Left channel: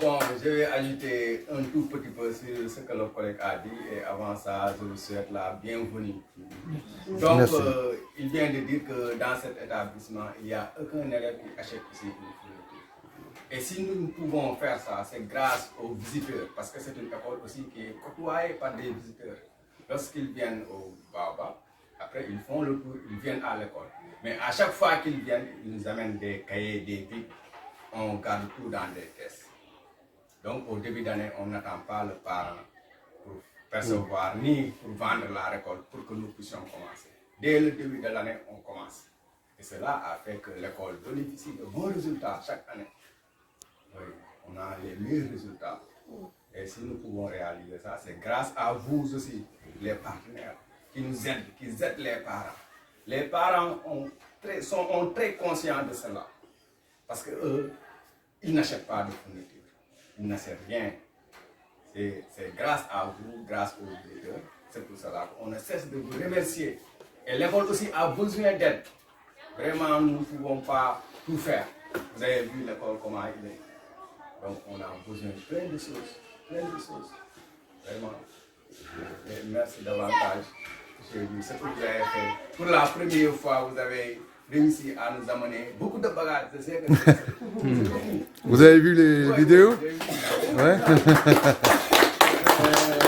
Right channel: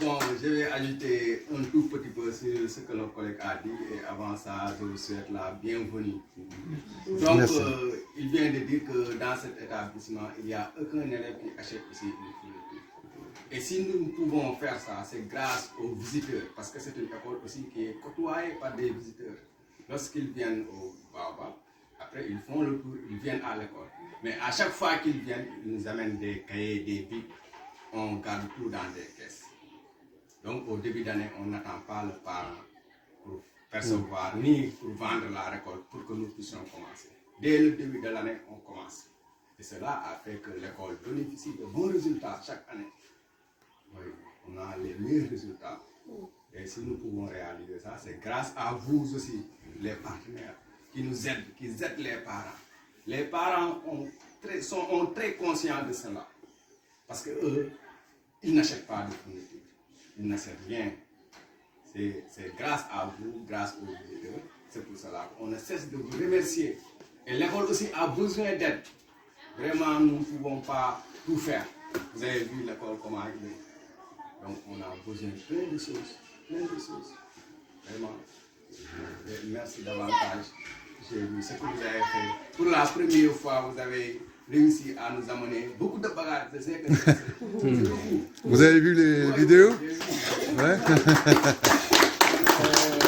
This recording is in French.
Bon, je vais ajouter un tout petit peu sur ce que notre collègue a dit et avant ça, je vous souhaite la bienvenue. Donc, il vient de dire que dans cet établissement, il n'y a aucun élève qui achète ici une fourniture. Et si nous pouvons faire ça, c'est grâce aux visiteurs, parce que c'est une école aussi qui est côtoyée par des visiteurs. Lorsqu'ils viennent au Baobab, après ils font le tour, ils viennent à l'école. Mais à chaque fois qu'ils viennent, ils nous amènent des cahiers, des bics, on garde tout dans des caisses. Donc au début d'année, on n'attend pas le parent pour percevoir ni pour vendre la récolte pour que nous puissions commencer. Dès le début de l'année, on commence. Et cela a fait que l'école bénéficie de bons résultats chaque année. Oui, on a les meilleurs résultats. Et si nous pouvons réaliser ça, c'est grâce à vous aussi, les partenaires, qui nous aident, qui aident les parents. Les parents sont très conscients de cela. Parce qu'eux, ils n'achètent pas de fourniture. Ils n'achètent rien. C'est grâce à vous, grâce aux visiteurs. C'est pour cela qu'on ne cesse de vous remercier. Et l'école aussi a besoin d'aide. Vraiment, nous ne pouvons pas tout faire. Vous avez vu l'école comment il est. Donc on a besoin de plein de choses. Vraiment. Et merci davantage. J'ai vu ce que vous avez fait. Pour la première fois, vous avez réussi à nous amener beaucoup de bagages. Je sais que c'est beaucoup. Vous avez vu les vidéos? J'ai vu. Ouais.